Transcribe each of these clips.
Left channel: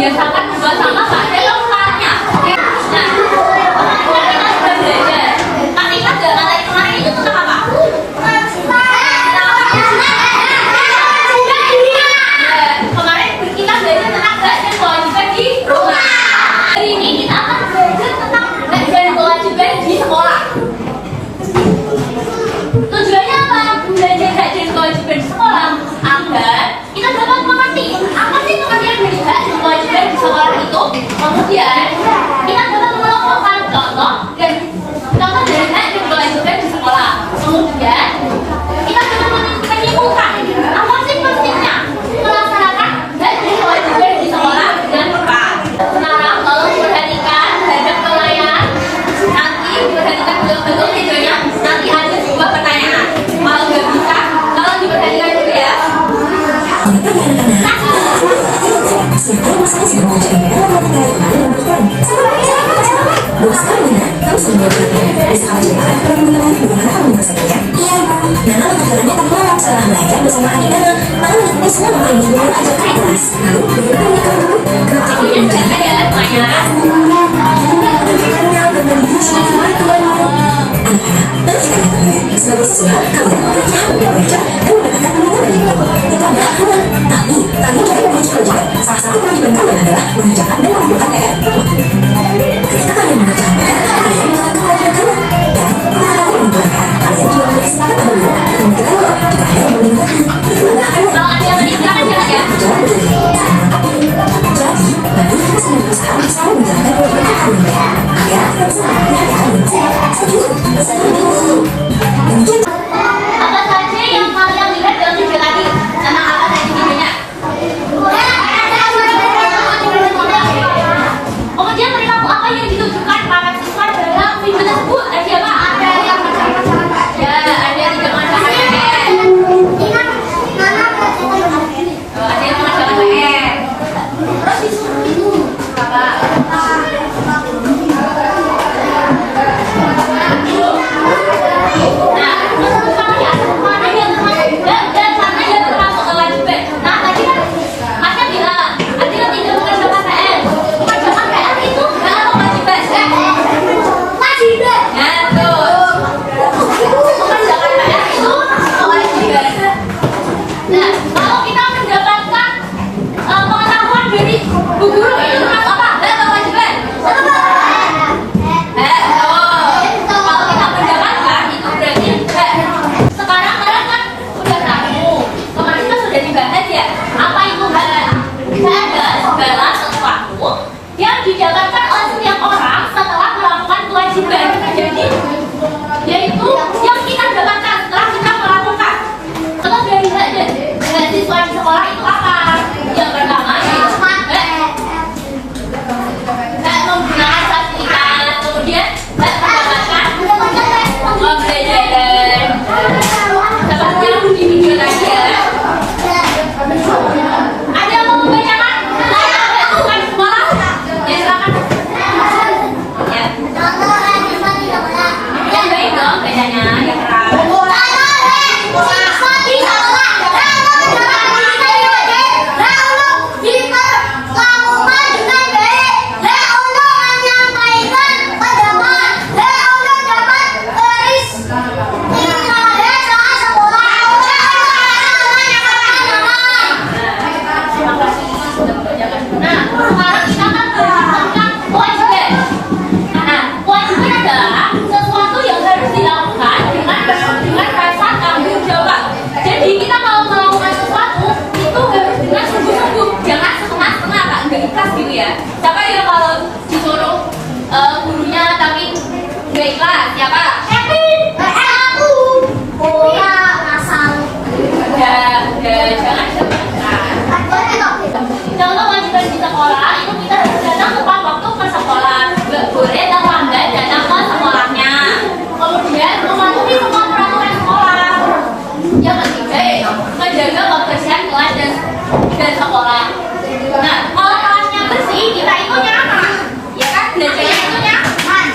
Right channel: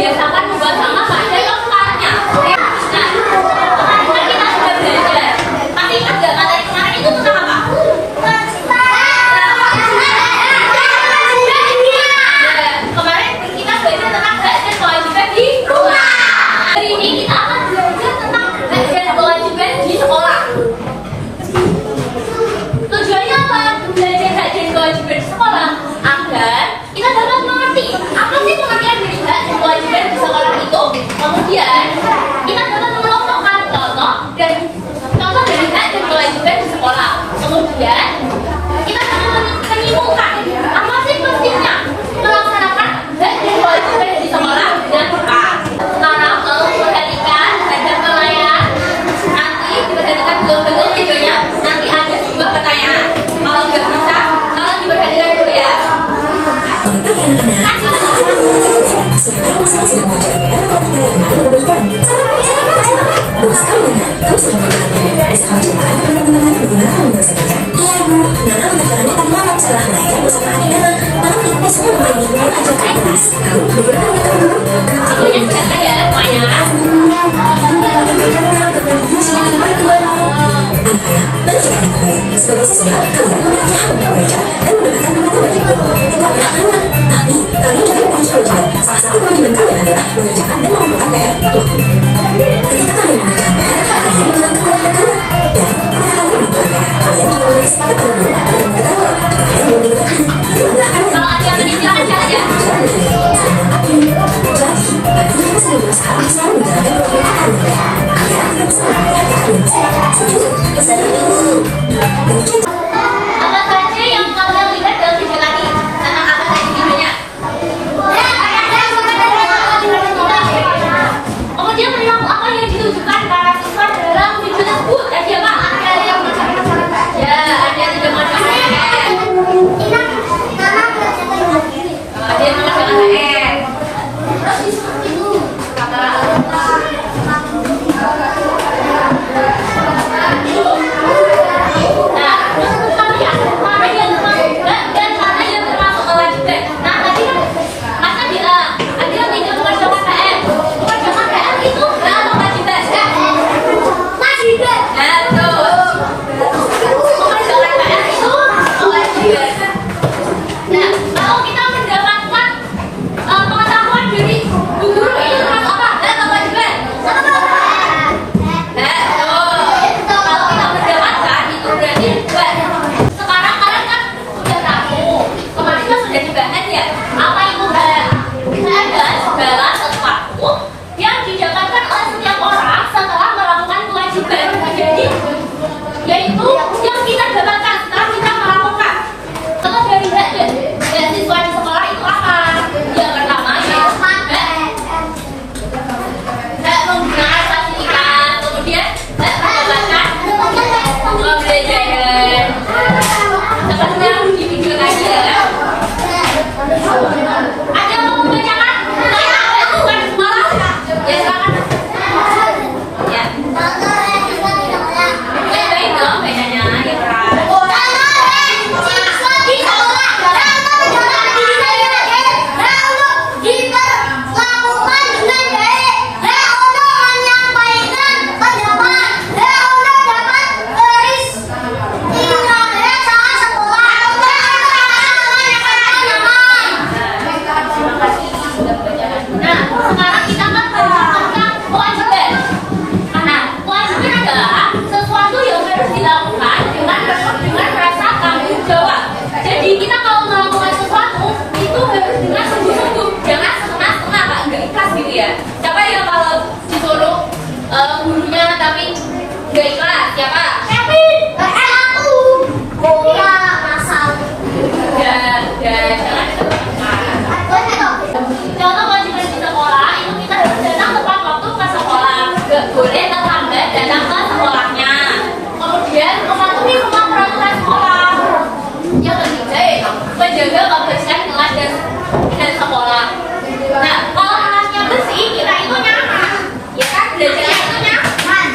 membiasakan membuang sampah pada tempatnya. Oke. Nah, kemarin kan kita sudah belajar. Masih ingat nggak materi kemarin itu tentang apa? Kemarin kita belajar tentang hak dan kewajiban di rumah. Hari ini kita akan belajar tentang hak dan kewajiban di sekolah. Tujuannya apa? Belajar hak dan kewajiban di sekolah agar kita dapat mengerti apa sih pengertian dari hak dan kewajiban di sekolah itu. Kemudian kita dapat mengelompokkan contoh dari hak dan kewajiban di sekolah. Kemudian kita dapat menyimpulkan apa sih pentingnya melaksanakan hak dan kewajiban di sekolah dengan tepat. Sekarang tolong perhatikan terhadap pelayan. Nanti diperhatikan betul-betul videonya. Nanti ada sebuah pertanyaan. Kalau nggak bisa, tolong diperhatikan dulu ya. Ini sudah ada semuanya. Kalau ada yang ingin silakan ya. Apa saja yang kalian lihat dalam video tadi? Tentang apa tadi videonya? Kemudian perilaku apa yang ditunjukkan para siswa dalam video tersebut? Tadi apa? Ya, ada tidak mengerjakan PR. Ada yang mengerjakan PR. Nah, menurut kalian mana yang termasuk hak dan mana yang termasuk kewajiban? Nah, tadi kan Masnya bilang ada yang tidak mengerjakan PR. Mengerjakan PR itu hak atau kewajiban? Kewajiban. Nah, terus mengerjakan PR itu kewajiban. Nah, kalau kita mendapatkan pengetahuan dari bu guru itu termasuk apa? Hak atau kewajiban? Kalau kita mendapatkan itu berarti hak. Sekarang kalian kan sudah tahu. Kemarin kan sudah dibahas ya. Apa itu hak? Hak adalah segala sesuatu yang didapatkan oleh setiap orang setelah melakukan kewajiban. Jadi, yaitu yang kita dapatkan setelah kita melakukan. Contoh dari hak dan hak siswa di sekolah itu apa? Yang pertama yaitu hak menggunakan fasilitas, kemudian hak mendapatkan pembelajaran. Seperti di video tadi ya. Ada yang mau membacakan? Hak siswa di sekolah? Ya silakan. Ya. Yang baik dong bacanya, yang keras. Nah, sekarang kita akan berbicara tentang kewajiban. Nah, kewajiban adalah sesuatu yang harus dilakukan dengan rasa tanggung jawab. Jadi kita kalau melakukan sesuatu itu harus dengan sungguh-sungguh, jangan setengah-setengah, Kak, nggak ikhlas gitu ya. Siapa yang kalau disuruh gurunya tapi nggak ikhlas? Siapa? Aku. Udah, jangan disebutkan. Contoh kewajiban di sekolah itu kita harus datang tepat waktu ke sekolah, nggak boleh terlambat datang ke sekolahnya. Kemudian mematuhi semua peraturan sekolah. Yang ketiga, menjaga kebersihan kelas dan sekolah. Nah, kalau kelasnya bersih, kita itu nyaman, ya kan? Belajarnya itu nyaman.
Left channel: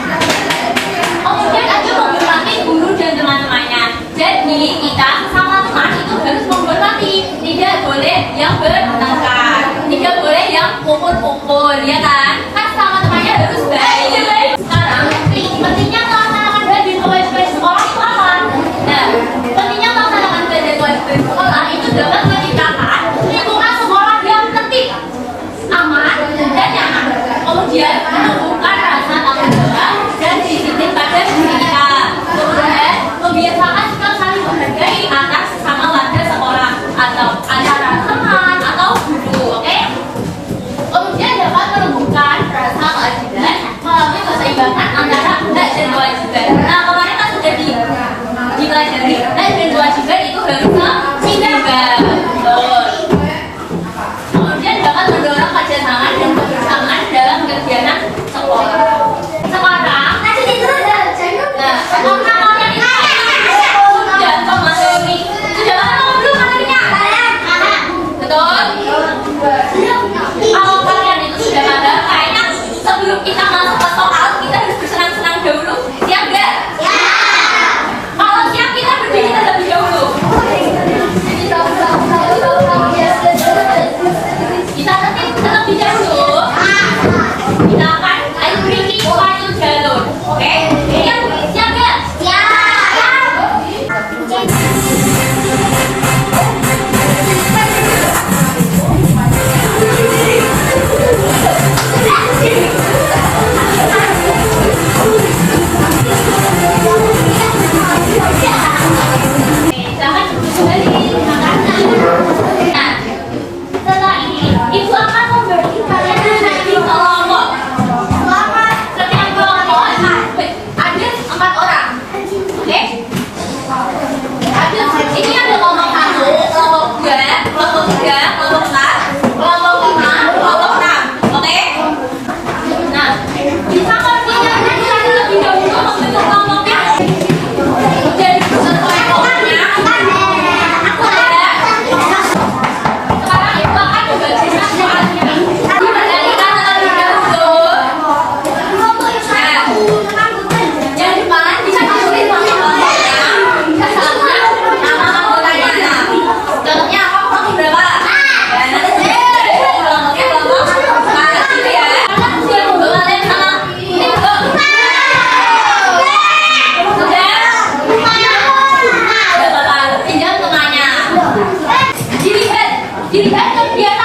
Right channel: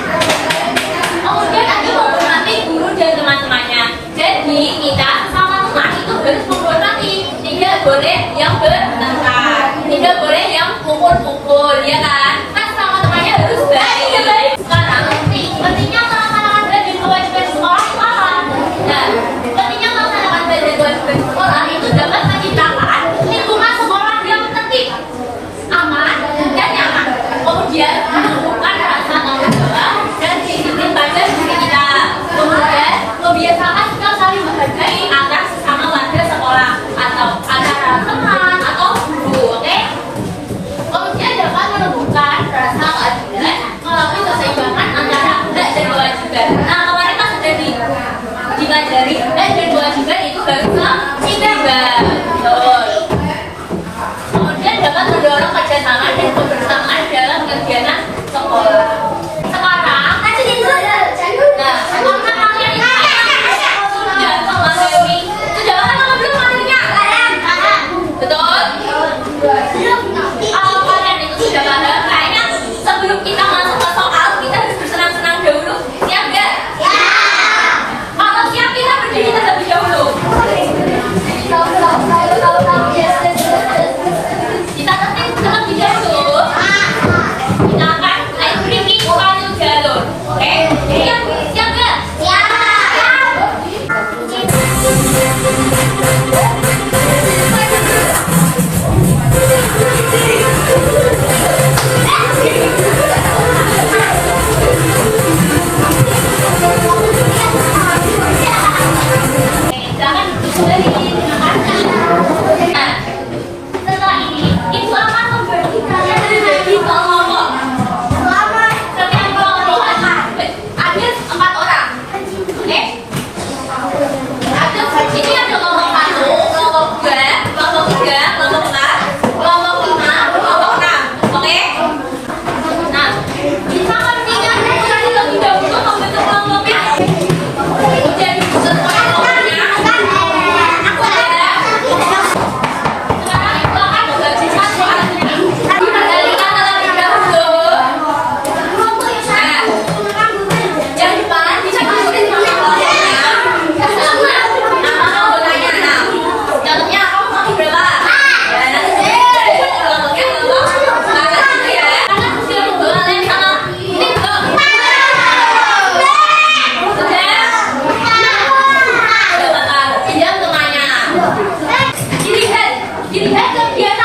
Kemudian ada menghormati guru dan teman-temannya. Jadi kita sama teman itu harus menghormati, tidak boleh yang bertengkar. tidak boleh yang pukul-pukul, ya kan? Kan sama temannya harus baik. Sekarang, pentingnya melaksanakan baik dan kewajiban sekolah itu apa? Nah, pentingnya melaksanakan baik dan kewajiban sekolah itu dapat menciptakan lingkungan sekolah yang tertib, aman, dan nyaman. Kemudian, menumbuhkan rasa tanggung jawab dan disiplin pada diri kita. Kemudian, membiasakan sikap saling menghargai antar sesama warga sekolah atau antara teman atau guru, oke? Kemudian dapat menumbuhkan rasa keadilan melalui keseimbangan antara hak dan kewajiban. Nah, kemarin kan sudah dipelajari hak dan kewajiban itu harus seimbang. Betul. Kemudian dapat mendorong kerjasama dan kebersamaan dalam kegiatan sekolah. Sekarang, nah, karena kalian ini sudah memahami, sudah apa belum materinya? Betul? Kalau kalian itu sudah paham, kayaknya sebelum kita masuk ke soal, kita harus bersenang-senang dahulu. Siap nggak? Kalau siap, kita berdiri terlebih dahulu. Kita tertib terlebih dahulu. Kita akan beri suatu jalur. Oke? Siap nggak? Jangan duduk kembali. Terima kasih. Nah, setelah ini, Ibu akan memberi kalian lagi kelompok. Setiap kelompok ada 4 orang. Oke? Ini ada kelompok 1, kelompok 2, kelompok 3, kelompok 4, kelompok 5, kelompok 6. Oke? Nah, bisa koordinasi terlebih dahulu membentuk kelompoknya. Udah disusun kelompoknya. Sekarang Ibu akan membagikan soalnya. Dikendalikan terlebih dahulu. Nah, yang depan bisa ditulis nama kelompoknya. Sebelumnya nama anggotanya. Nah, contohnya kelompok berapa? Ya, nanti kelompoknya kelompok gitu ya. Karena sudah membawa lem sama titik belum? Sudah? Sudah, Bapak. Pinjam temannya. Dilihat kegiatan